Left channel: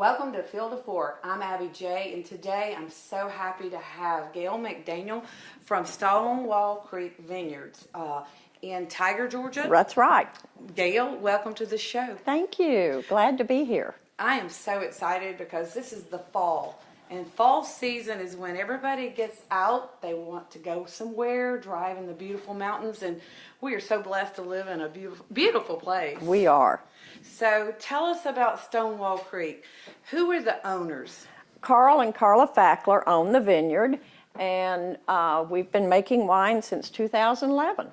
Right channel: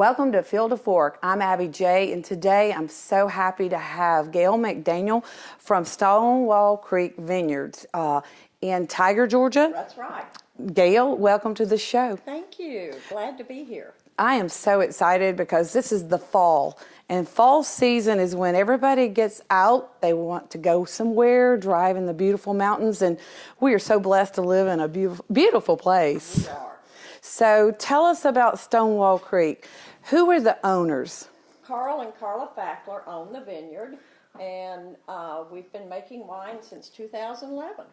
Welcome to Field to Fork. I'm Abby J, and today I'm so happy to have Gail McDaniel from Stonewall Creek Vineyards in Tiger, Georgia. That's right. Gail, welcome to the show. Thank you. Glad to be here. I am so excited because this is the fall, and fall season is when everybody gets out. They want to go somewhere, drive in the beautiful mountains, and we are so blessed to live in a beautiful place. We are. So tell us about Stonewall Creek. Who are the owners? Carl and Carla Fackler own the vineyard, and we've been making wine since 2011.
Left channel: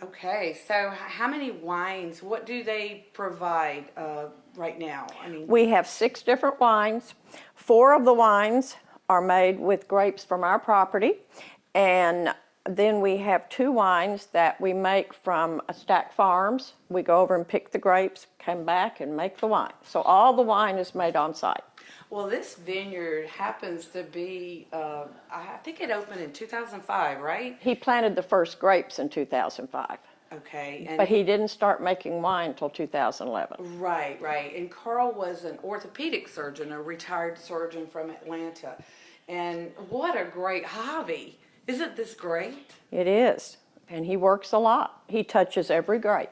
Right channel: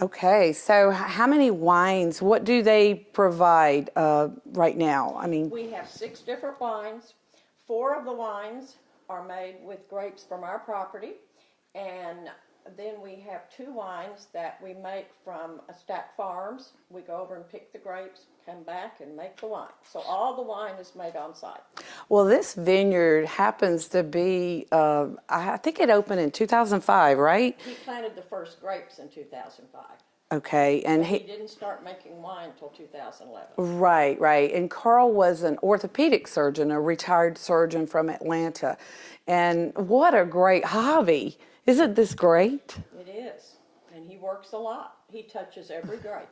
Okay, so how many wines, what do they provide right now? We have 6 different wines. 4 of the wines are made with grapes from our property, and then we have 2 wines that we make from Stack Farms. We go over and pick the grapes, come back and make the wine. So all the wine is made on site. Well, this vineyard happens to be, I think it opened in 2005, right? He planted the first grapes in 2005. Okay. But he didn't start making wine until 2011. Right, right. And Carl was an orthopedic surgeon, a retired surgeon from Atlanta. And what a great hobby. Isn't this great? It is. And he works a lot. He touches every grape.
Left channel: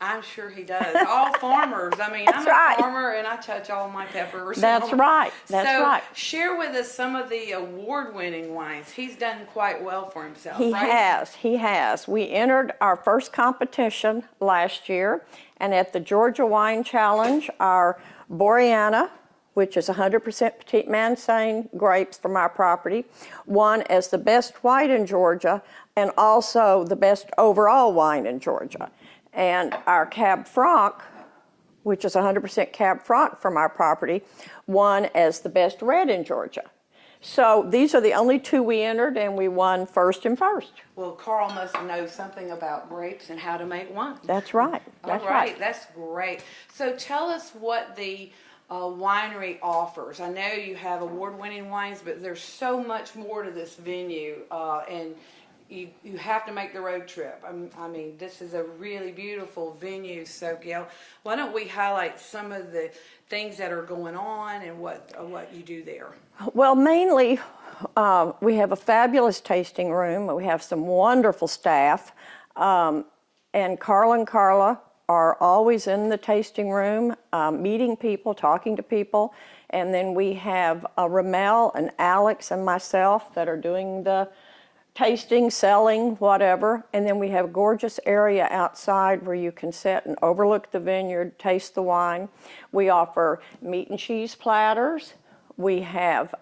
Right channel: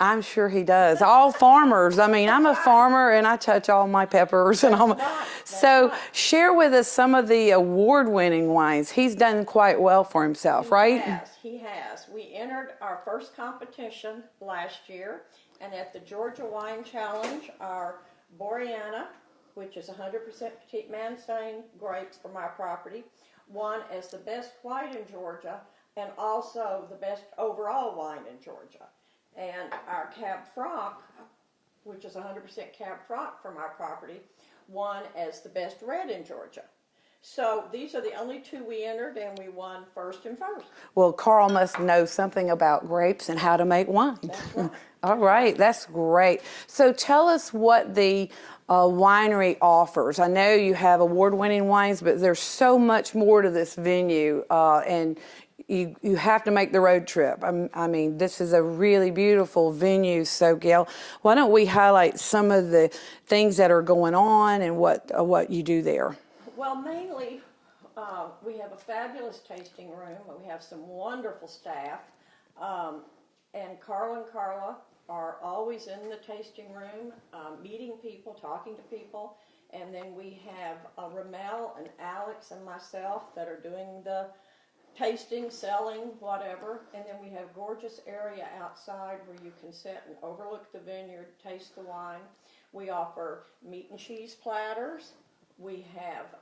I'm sure he does. All farmers. I'm a farmer and I touch all my peppers. That's right. So share with us some of the award-winning wines. He's done quite well for himself, right? He has. We entered our first competition last year, and at the Georgia Wine Challenge, our Boreana, which is 100% Petit Mansane grapes from our property, won as the best white in Georgia and also the best overall wine in Georgia. And our Cab Franc, which is 100% Cab Franc from our property, won as the best red in Georgia. So these are the only 2 we entered, and we won first and first. Well, Carl must know something about grapes and how to make wine. That's right. All right, that's great. So tell us what the winery offers. I know you have award-winning wines, but there's so much more to this venue, and you have to make the road trip. This is a really beautiful venue. So, Gail, why don't we highlight some of the things that are going on and what you do there? Well, mainly, we have a fabulous tasting room. We have some wonderful staff, and Carl and Carla are always in the tasting room, meeting people, talking to people. And then we have Ramel and Alex and myself that are doing the tasting, selling, whatever. And then we have a gorgeous area outside where you can sit and overlook the vineyard, taste the wine. We offer meat and cheese platters. We have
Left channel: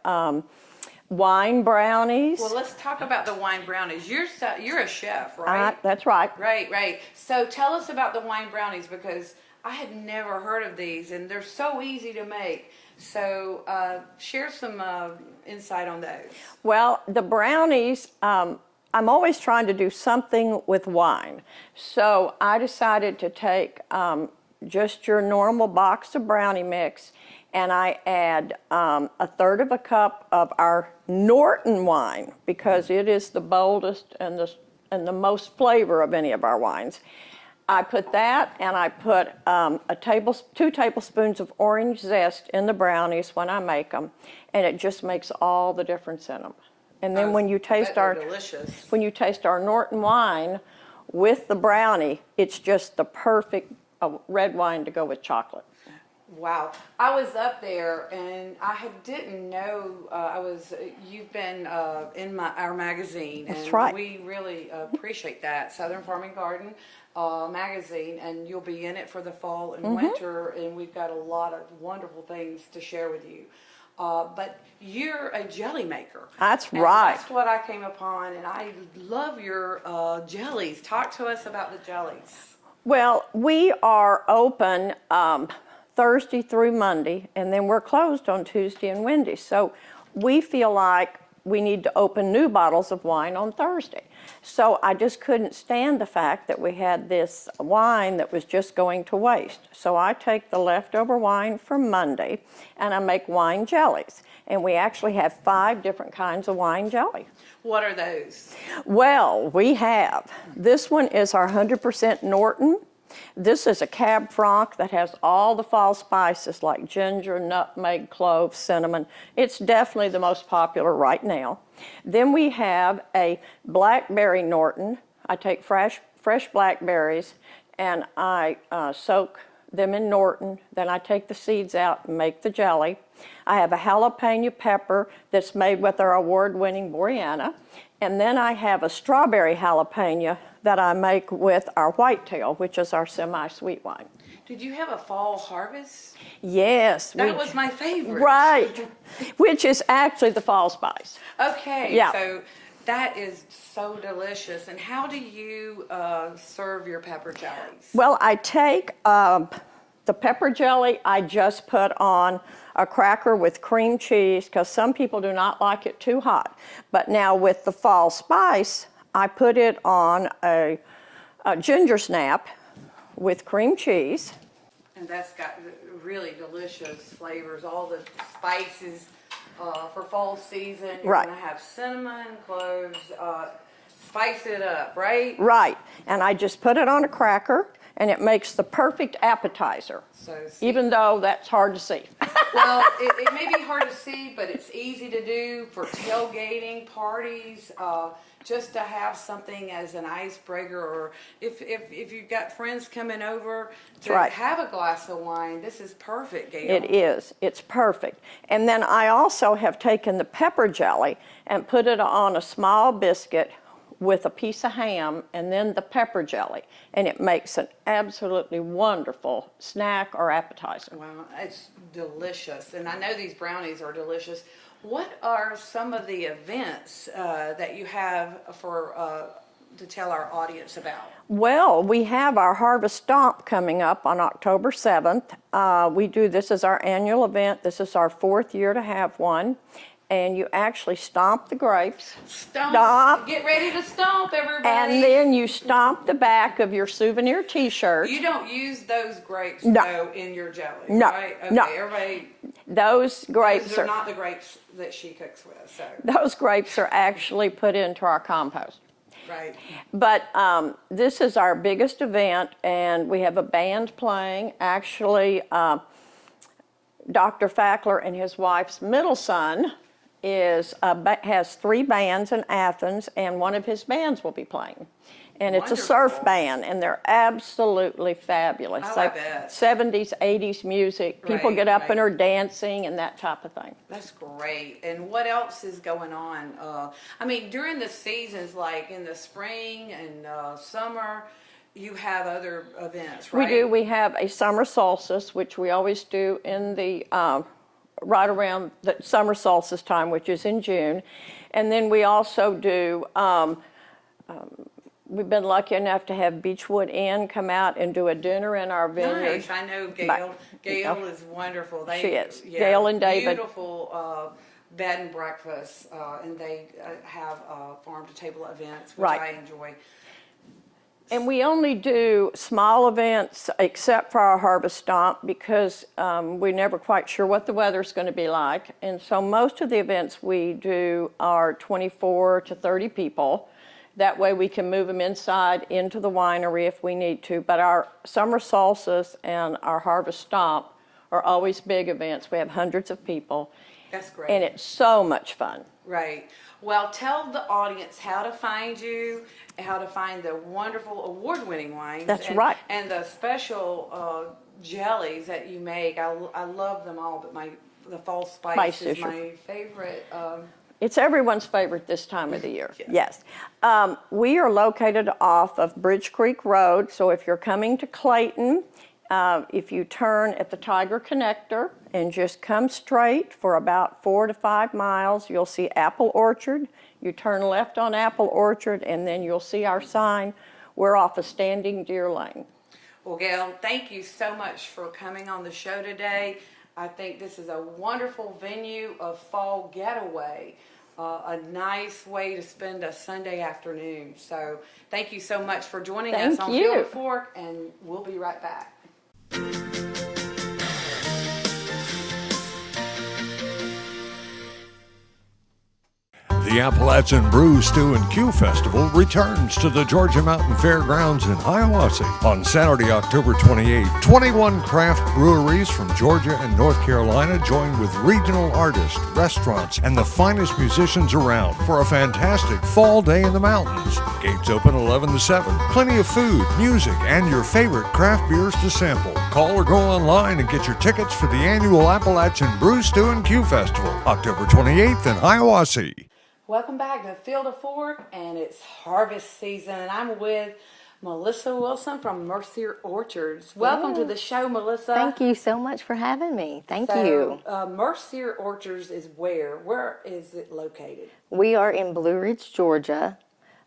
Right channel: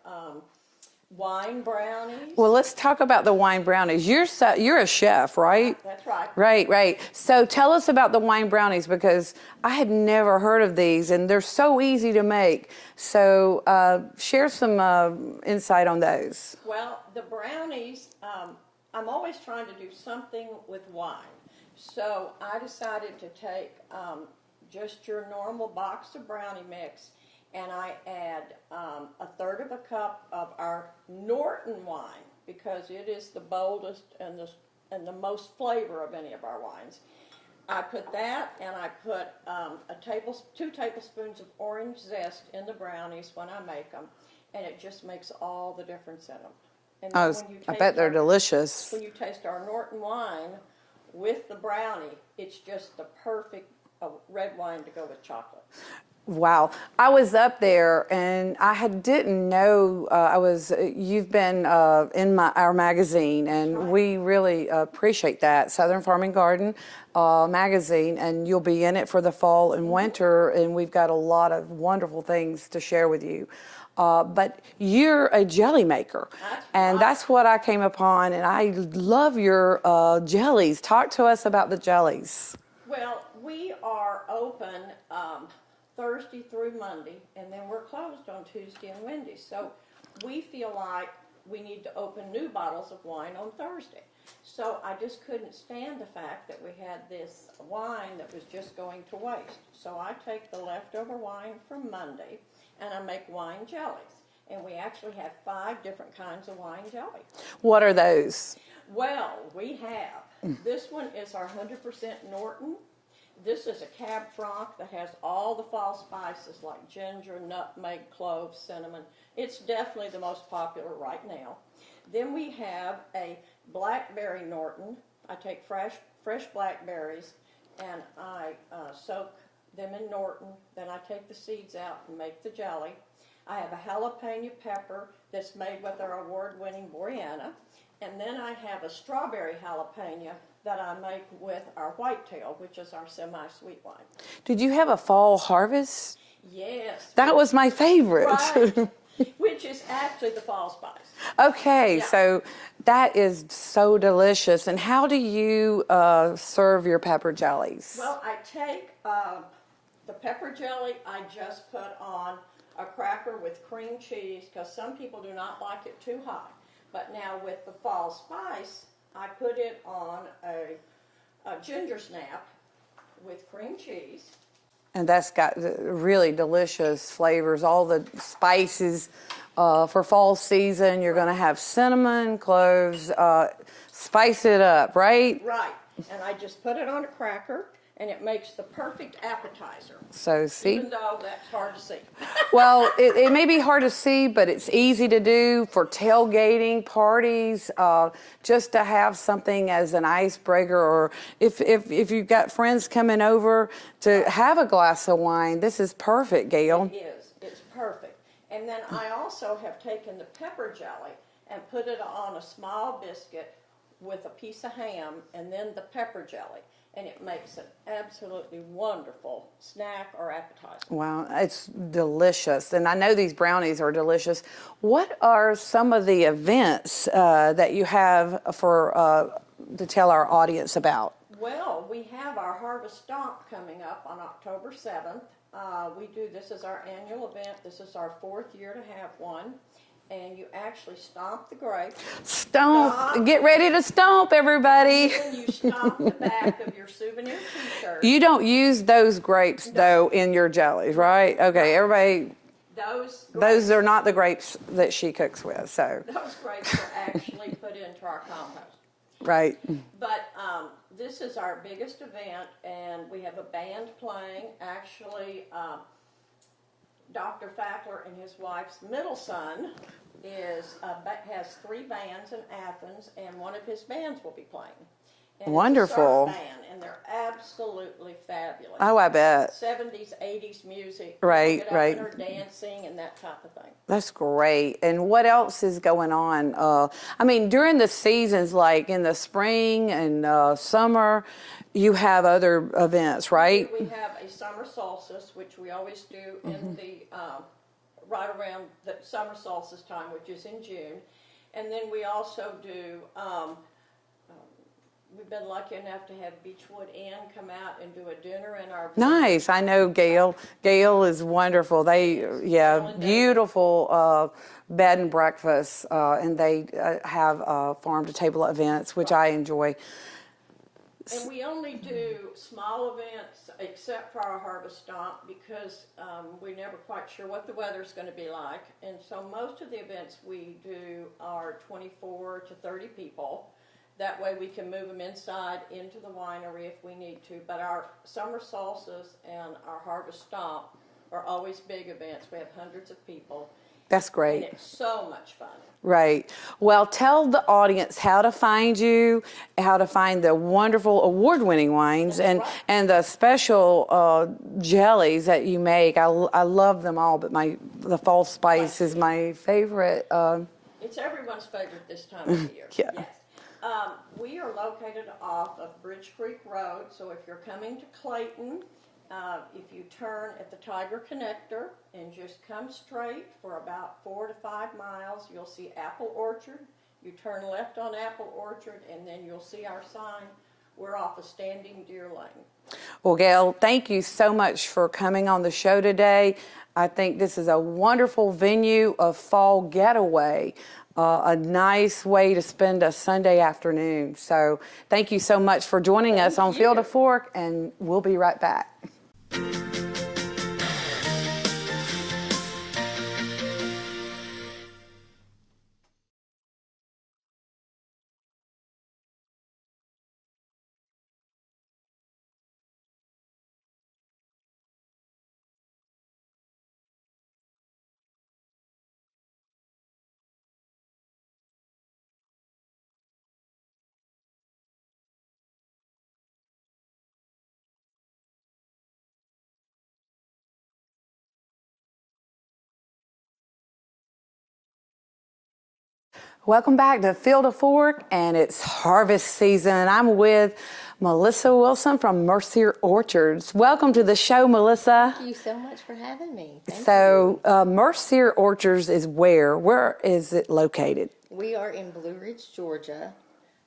wine brownies. Well, let's talk about the wine brownies. You're a chef, right? That's right. Right. So tell us about the wine brownies, because I had never heard of these, and they're so easy to make. So share some insight on those. Well, the brownies, I'm always trying to do something with wine. So I decided to take just your normal box of brownie mix, and I add 1/3 of a cup of our Norton wine, because it is the boldest and the most flavor of any of our wines. I put that, and I put 2 tablespoons of orange zest in the brownies when I make them, and it just makes all the difference in them. And then when you taste they're delicious. When you taste our Norton wine with the brownie, it's just the perfect red wine to go with chocolate. Wow. I was up there and didn't know you've been in our magazine, and we really appreciate that, Southern Farming Garden magazine, and you'll be in it for the fall and winter, and we've got a lot of wonderful things to share with you. But you're a jelly maker. That's right. And that's what I came upon, and I love your jellies. Talk to us about the jellies. Well, we are open Thursday through Monday, and then we're closed on Tuesday and Wednesday. So we feel like we need to open new bottles of wine on Thursday. So I just couldn't stand the fact that we had this wine that was just going to waste. So I take the leftover wine from Monday and I make wine jellies. And we actually have 5 different kinds of wine jelly. What are those? Well, we have, this one is our 100% Norton This is a Cab Franc that has all the fall spices like ginger, nutmeg, clove, cinnamon. It's definitely the most popular right now. Then we have a blackberry Norton. I take fresh blackberries and I soak them in Norton. Then I take the seeds out and make the jelly. I have a jalapeno pepper that's made with our award-winning Boreana. And then I have a strawberry jalapeno that I make with our whitetail, which is our semi-sweet wine. Did you have a fall harvest? Yes. That was my favorite. Right, which is actually the fall spice. Okay, Yeah. so that is so delicious. And how do you serve your pepper jellies? Well, I take the pepper jelly, I just put on a cracker with cream cheese because some people do not like it too hot. But now with the fall spice, I put it on a ginger snap with cream cheese. And that's got really delicious flavors, all the spices for fall season. You're Right. going to have cinnamon, cloves, spice it up, right? Right, and I just put it on a cracker, and it makes the perfect appetizer. So see, Even though that's hard to see. well, it may be hard to see, but it's easy to do for tailgating parties, just to have something as an icebreaker, or if you've got friends coming over to Right. have a glass of wine. This is perfect, Gail. It is. It's perfect. And then I also have taken the pepper jelly and put it on a small biscuit with a piece of ham and then the pepper jelly. And it makes an absolutely wonderful snack or appetizer. Wow, it's delicious. And I know these brownies are delicious. What are some of the events that you have for to tell our audience about? Well, we have our Harvest Stomp coming up on October 7th. We do this as our annual event. This is our 4th year to have one. And you actually stomp the grapes. Stomp. Get ready to stomp, everybody. And then you stomp the back of your souvenir T-shirt. You don't use those grapes, though, in your jellies, No. right? Okay, No. everybody, Those grapes those are not the grapes that she cooks with, so. Those grapes are actually put into our compost. Right. But this is our biggest event, and we have a band playing. Actually, Dr. Fackler and his wife's middle son has 3 bands in Athens, and one of his bands will be playing. And Wonderful. It's a surf band, and they're absolutely fabulous. I like bet. 70s, 80s music. People Right, get up right. and are dancing and that type of thing. That's great. And what else is going on? I mean, during the seasons, like in the spring and summer, you have other events, right? We do. We have a summer solstice, which we always do in the right around the summer solstice time, which is in June. And then we also do, we've been lucky enough to have Beechwood Inn come out and do a dinner in our vineyard. Nice. I know Gail. Gail is wonderful. They, She is. yeah, Gail and David. beautiful bed and breakfast, and they have farm to table events, which Right. I enjoy. And we only do small events except for our Harvest Stomp because we're never quite sure what the weather's going to be like. And so most of the events we do are 24 to 30 people. That way we can move them inside into the winery if we need to. But our summer solstice and our Harvest Stomp are always big events. We have hundreds of people. That's great. And it's so much fun. Right. Well, tell the audience how to find you, how to find the wonderful award-winning wines, That's and right. and the special jellies that you make. I love them all, but the fall spice is my favorite. It's everyone's favorite this time of the year. Yeah. Yes. We are located off of Bridge Creek Road, so if you're coming to Clayton, if you turn at the Tiger Connector and just come straight for about 4 to 5 miles, you'll see Apple Orchard. You turn left on Apple Orchard, and then you'll see our sign. We're off of Standing Deer Lane. Well, Gail, thank you so much for coming on the show today. I think this is a wonderful venue of fall getaway, a nice way to spend a Sunday afternoon. So thank you so much for joining us on Field of Fork, and we'll be right back. The Appalachian Brew, Stew, and Q Festival returns to the Georgia Mountain Fairgrounds in Hiawassee on Saturday, October 28th. 21 craft breweries from Georgia and North Carolina join with regional artists, restaurants, and the finest musicians around for a fantastic fall day in the mountains. Gates open 11 to 7. Plenty of food, music, and your favorite craft beers to sample. Call or go online and get your tickets for the annual Appalachian Brew, Stew, and Q Festival, October 28th in Hiawassee. Welcome back to Field to Fork, and it's harvest season. I'm with Melissa Wilson from Mercier Orchards. Welcome to the show, Melissa. Thank you so much for having me. Thank you. you. Mercier Orchards is where? Where is it located? We are in Blue Ridge, Georgia.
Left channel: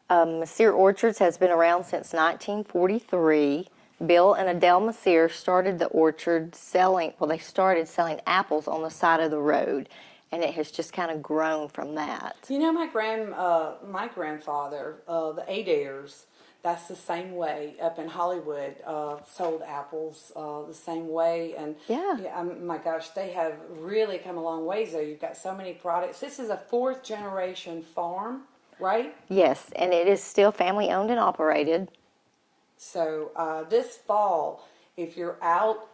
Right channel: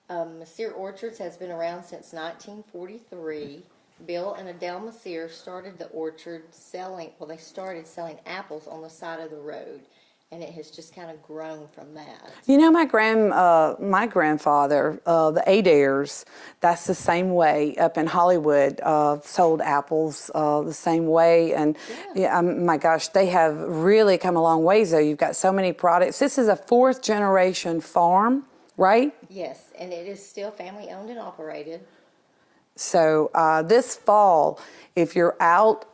Mercier Orchards has been around since 1943. Bill and Adele Mercier started the orchard they started selling apples on the side of the road. And it has just kind of grown from that. You know, my grandfather, the Adaires, that's the same way up in Hollywood, sold apples the same way. And my gosh, they have really come a long ways, though. You've got so many products. This is a 4th generation farm, right? Yes, and it is still family owned and operated. So this fall, if you're out,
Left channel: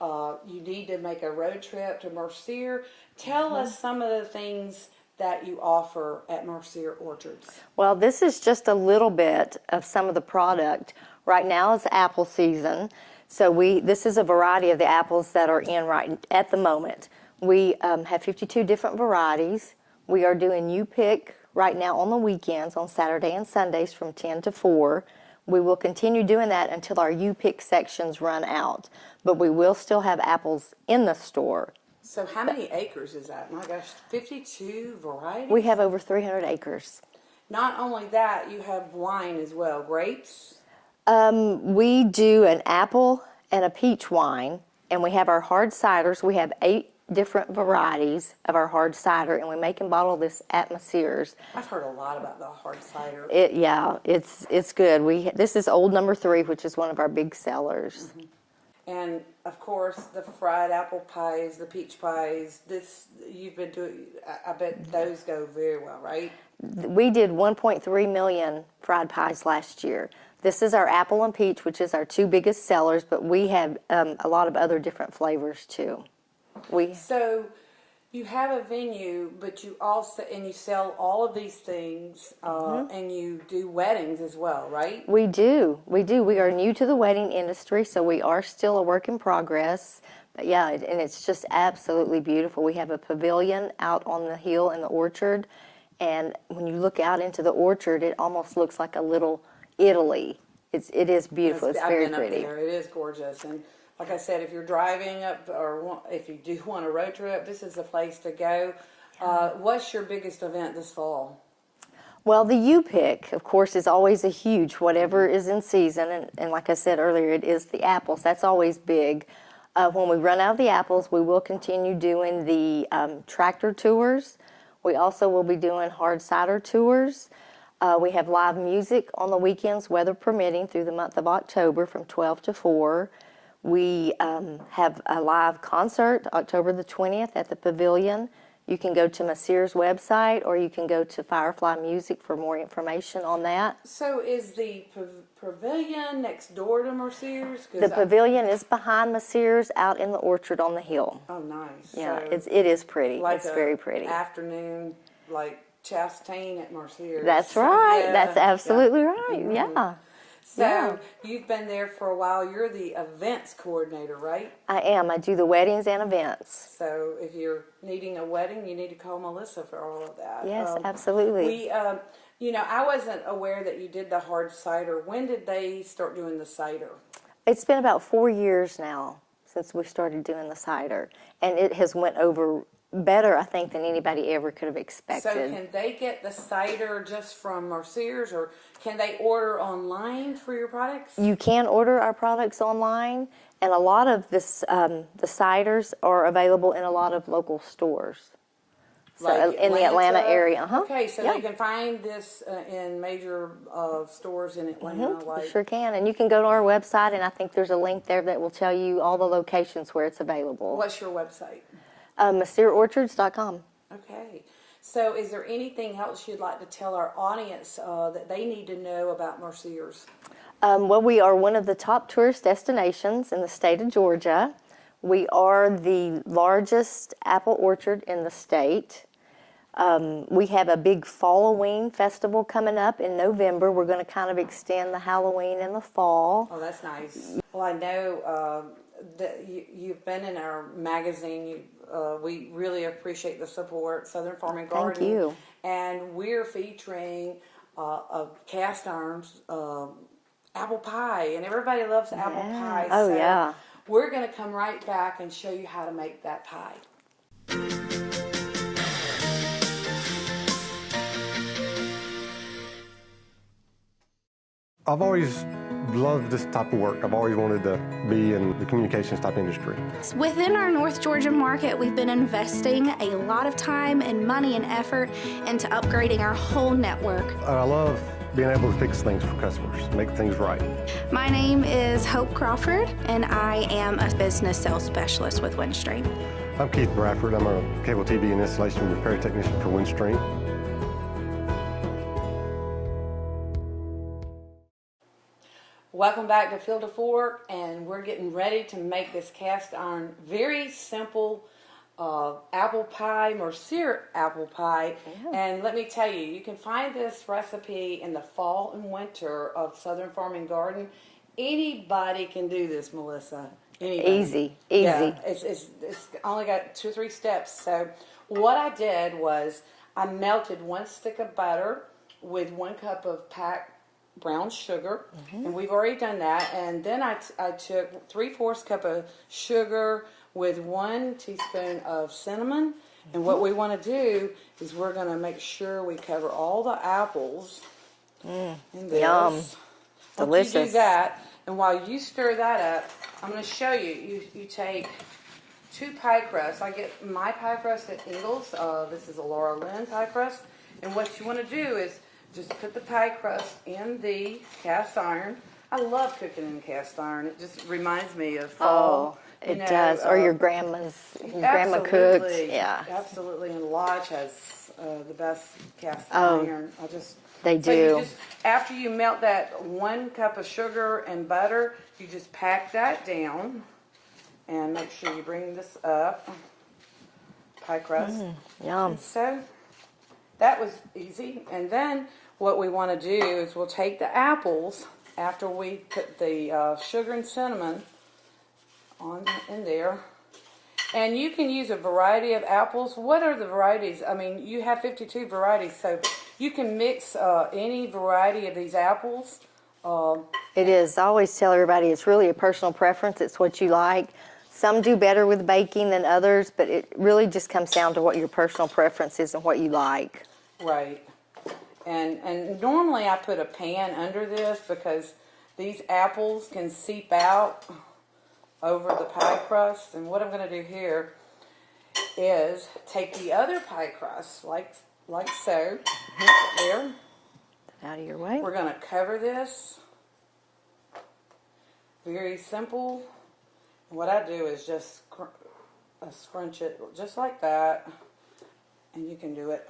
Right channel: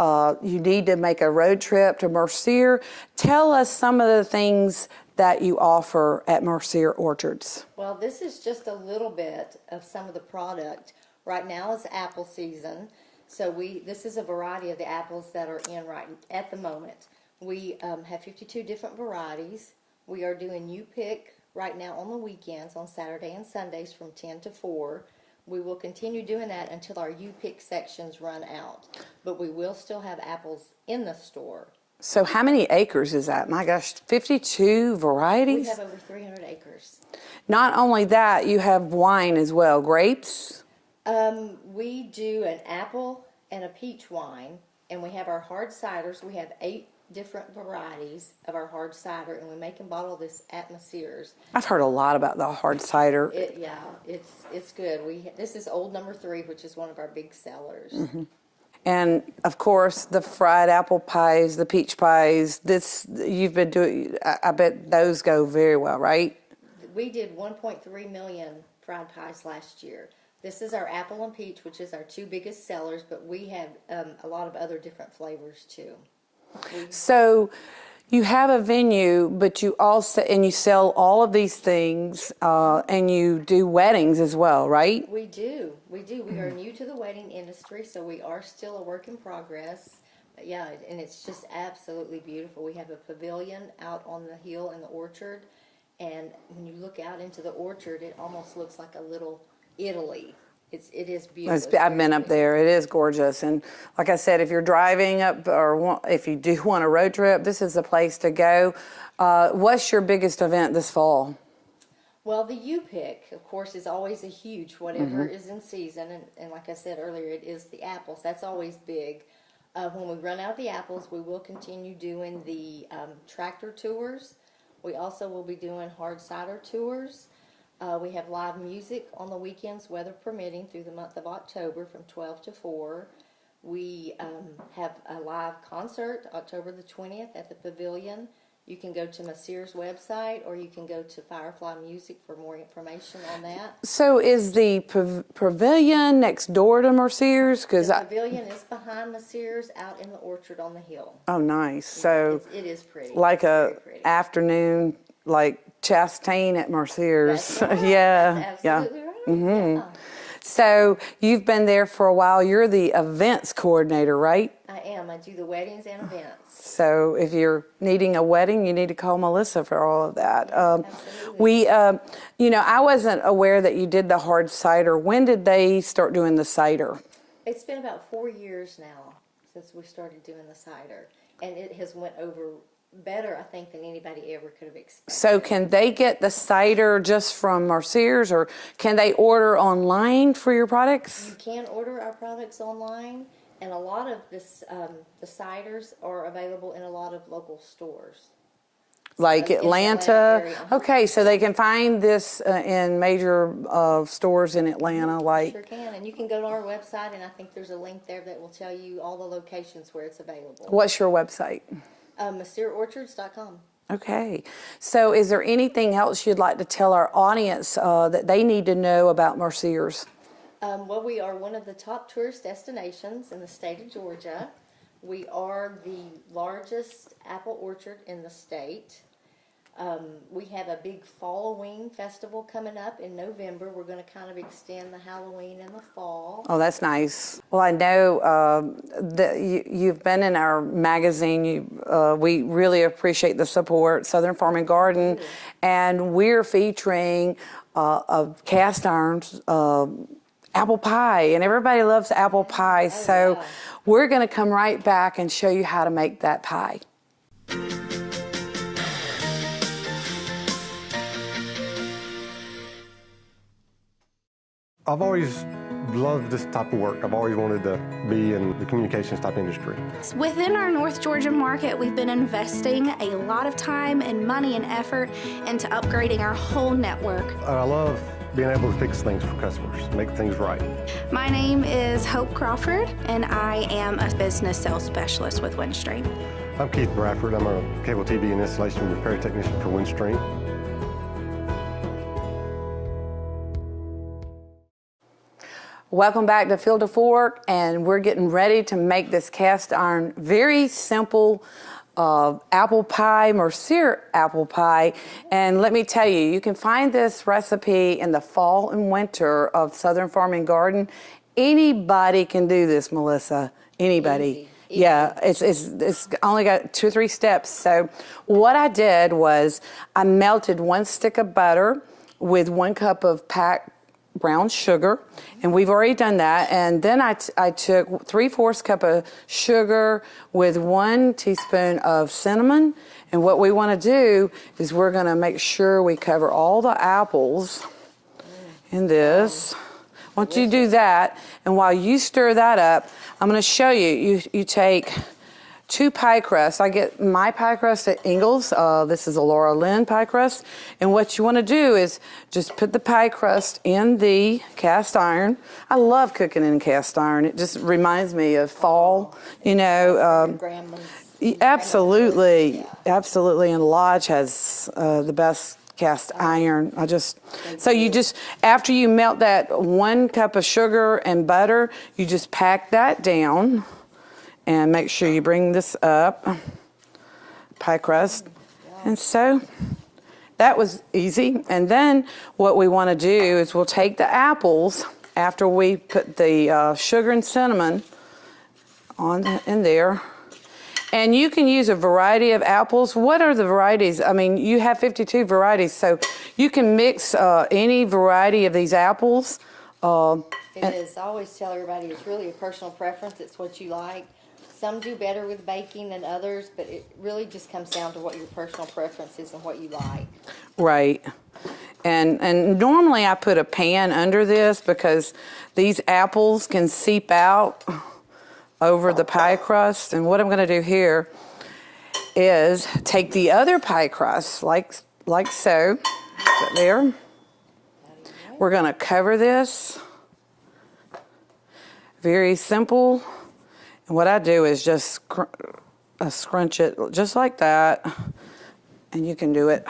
you need to make a road trip to Mercier. Tell us some of the things that you offer at Mercier Orchards. Well, this is just a little bit of some of the product. Right now is apple season, so this is a variety of the apples that are in right at the moment. We have 52 different varieties. We are doing U-Pick right now on the weekends, on Saturday and Sundays from 10 to 4. We will continue doing that until our U-Pick sections run out, but we will still have apples in the store. So how many acres is that? My gosh, 52 varieties? We have over 300 acres. Not only that, you have wine as well, grapes? We do an apple and a peach wine, and we have our hard ciders. We have 8 different varieties of our hard cider, and we make and bottle this at Mercier's. I've heard a lot about the hard cider. It's good. This is Old Number 3, which is one of our big sellers. Mm-hmm. And of course, the fried apple pies, the peach pies. You've been doing. I bet those go very well, right? We did 1.3 million fried pies last year. This is our apple and peach, which is our 2 biggest sellers, but we have a lot of other different flavors too. So you have a venue, but you also, and you sell all of these things, and you do weddings as well, right? We do. We are new to the wedding industry, so we are still a work in progress. But yeah, and it's just absolutely beautiful. We have a pavilion out on the hill in the orchard, and when you look out into the orchard, it almost looks like a little Italy. It is beautiful. I've been up there. It is gorgeous. And like I said, if you're driving up or if you do want a road trip, this is the place to go. What's your biggest event this fall? Well, the U-Pick, of course, is always a huge, whatever is in season. And like I said earlier, it is the apples. That's always big. When we run out of the apples, we will continue doing the tractor tours. We also will be doing hard cider tours. We have live music on the weekends, weather permitting, through the month of October from 12 to 4. We have a live concert October the 20th at the Pavilion. You can go to Mercier's website, or you can go to Firefly Music for more information on that. So is the Pavilion next door to Mercier's? The Pavilion is behind Mercier's out in the orchard on the hill. Oh, nice. Yeah, so it is pretty. Like it's very pretty. Afternoon, like Chastain at Mercier's. That's right. Yeah. That's absolutely right. Mm-hmm. Yeah. So you've been there for a while. You're the events coordinator, right? I am. I do the weddings and events. So if you're needing a wedding, you need to call Melissa for all of that. Yes, absolutely. We, I wasn't aware that you did the hard cider. When did they start doing the cider? It's been about 4 years now since we started doing the cider, and it has went over better, I think, than anybody ever could have expected. So can they get the cider just from Mercier's, or can they order online for your products? You can order our products online, and a lot of this, the ciders are available in a lot of local stores. Like in Atlanta? The Atlanta area. Uh-huh. Okay, so they can find this in major stores in Atlanta. Like Sure can, and you can go to our website, and I think there's a link there that will tell you all the locations where it's available. What's your website? MercierOrchards.com. Okay. So is there anything else you'd like to tell our audience that they need to know about Mercier's? Well, we are one of the top tourist destinations in the state of Georgia. We are the largest apple orchard in the state. We have a big Falloween festival coming up in November. We're going to kind of extend the Halloween in the fall. Oh, that's nice. Well, I know that you've been in our magazine. We really appreciate the support, Southern Farm and Garden. Thank you. And we're featuring a cast iron apple pie, and everybody loves apple pie. Oh, so yeah. we're going to come right back and show you how to make that pie. I've always loved this type of work. I've always wanted to be in the communications type industry. Within our North Georgia market, we've been investing a lot of time and money and effort into upgrading our whole network. I love being able to fix things for customers, make things right. My name is Hope Crawford, and I am a business sales specialist with Windstream. I'm Keith Bradford. I'm a cable TV and installation repair technician for Windstream. Welcome back to Field to Fork, and we're getting ready to make this cast iron, very simple apple pie, Mercier apple pie. And let me tell you, you can find this recipe in the fall and winter of Southern Farm and Garden. Anybody can do this, Melissa. Anybody. Easy. Yeah, it's only got 2 or 3 steps. So what I did was I melted 1 stick of butter with 1 cup of packed brown sugar, and we've already done that. And then I took 3/4 cup of sugar with 1 teaspoon of cinnamon. And what we want to do is we're going to make sure we cover all the apples in this. Once you do Delicious. that, and while you stir that up, I'm going to show you. You take 2 pie crusts. I get my pie crust at Ingles. This is a Laura Lynn pie crust. And what you want to do is just put the pie crust in the cast iron. I love cooking in cast iron. It just reminds me of fall. It does, or your grandma's. your grandma Absolutely. cooks. Yeah. Absolutely. And Lodge has the best cast iron. They so you do. just, after you melt that 1 cup of sugar and butter, you just pack that down. And make sure you bring this up, pie crust. Yum. And so that was easy. And then what we want to do is we'll take the apples after we put the sugar and cinnamon in there. And you can use a variety of apples. What are the varieties? I mean, you have 52 varieties, so you can mix any variety of these apples. It is. I always tell everybody it's really a personal preference. It's what you like. Some do better with baking than others, but it really just comes down to what your personal preference is and what you like. Right. And normally I put a pan under this because these apples can seep out over the pie crust. And what I'm going to do here is take the other pie crust, like so, put it there. Out of your way. We're going to cover this. Very simple. And what I do is just scrunch it just like that. And you can do it.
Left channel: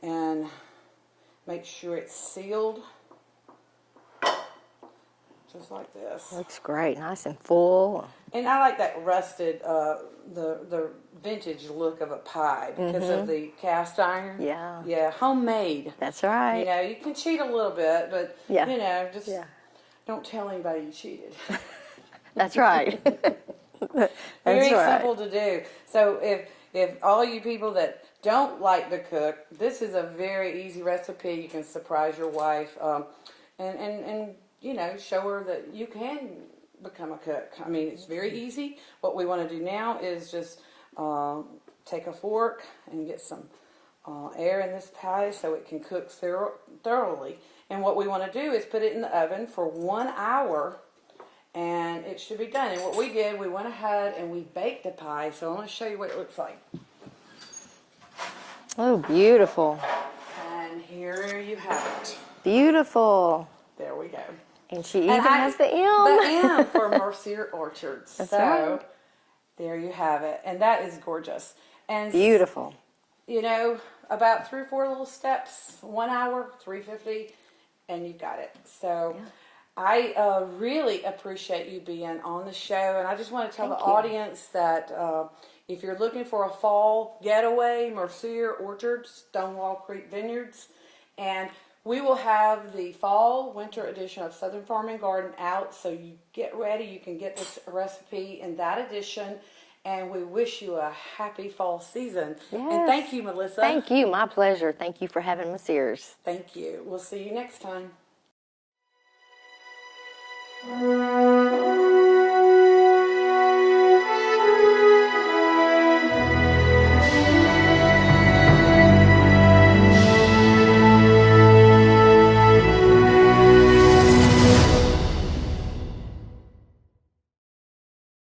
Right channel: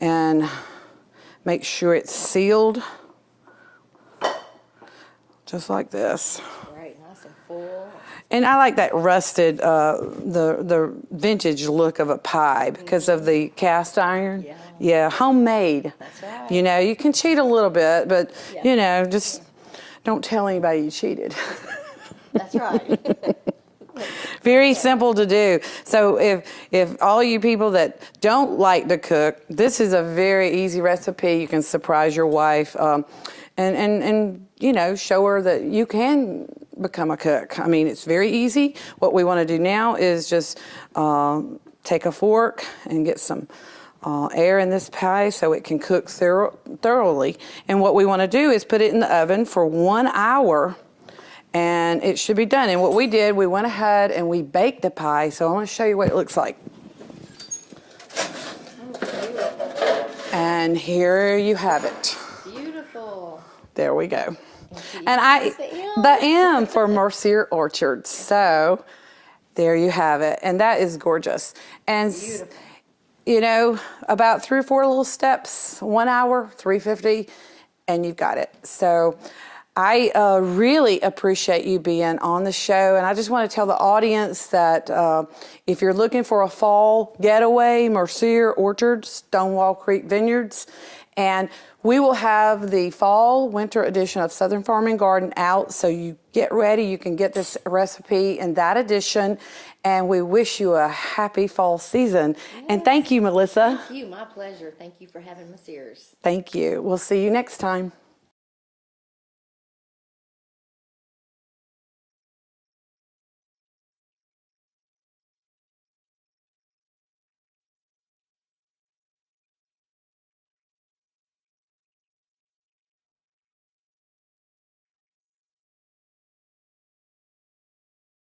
And make sure it's sealed. Just like this. Looks great, nice and full. And I like that rusted, the vintage look of a pie because of the cast iron. Yeah. Yeah, homemade. That's right. You know, you can cheat a little bit, but, Yeah. you know, just don't tell anybody you cheated. That's right. Very That's right. simple to do. So if all you people that don't like to cook, this is a very easy recipe. You can surprise your wife and you know, show her that you can become a cook. I mean, it's very easy. What we want to do now is just take a fork and get some air in this pie so it can cook thoroughly. And what we want to do is put it in the oven for 1 hour. And it should be done. And what we did, we went ahead and we baked the pie. So I want to show you what it looks like. Oh, beautiful. And here you have it. Beautiful. There we go. And she even has the M. The M for Mercier Orchards. So There you have it. And that is gorgeous. And Beautiful. you know, about 3 or 4 little steps, 1 hour, $3.50, and you've got it. So I really appreciate you being on the show. And I just want to tell the audience that if you're looking for a fall getaway, Mercier Orchards, Stonewall Creek Vineyards, and we will have the fall winter edition of Southern Farm and Garden out, so you get ready. You can get this recipe in that edition, and we wish you a happy fall season. Yes. And thank you, Melissa. Thank you. My pleasure. Thank you for having Mercier's. Thank you. We'll see you next time.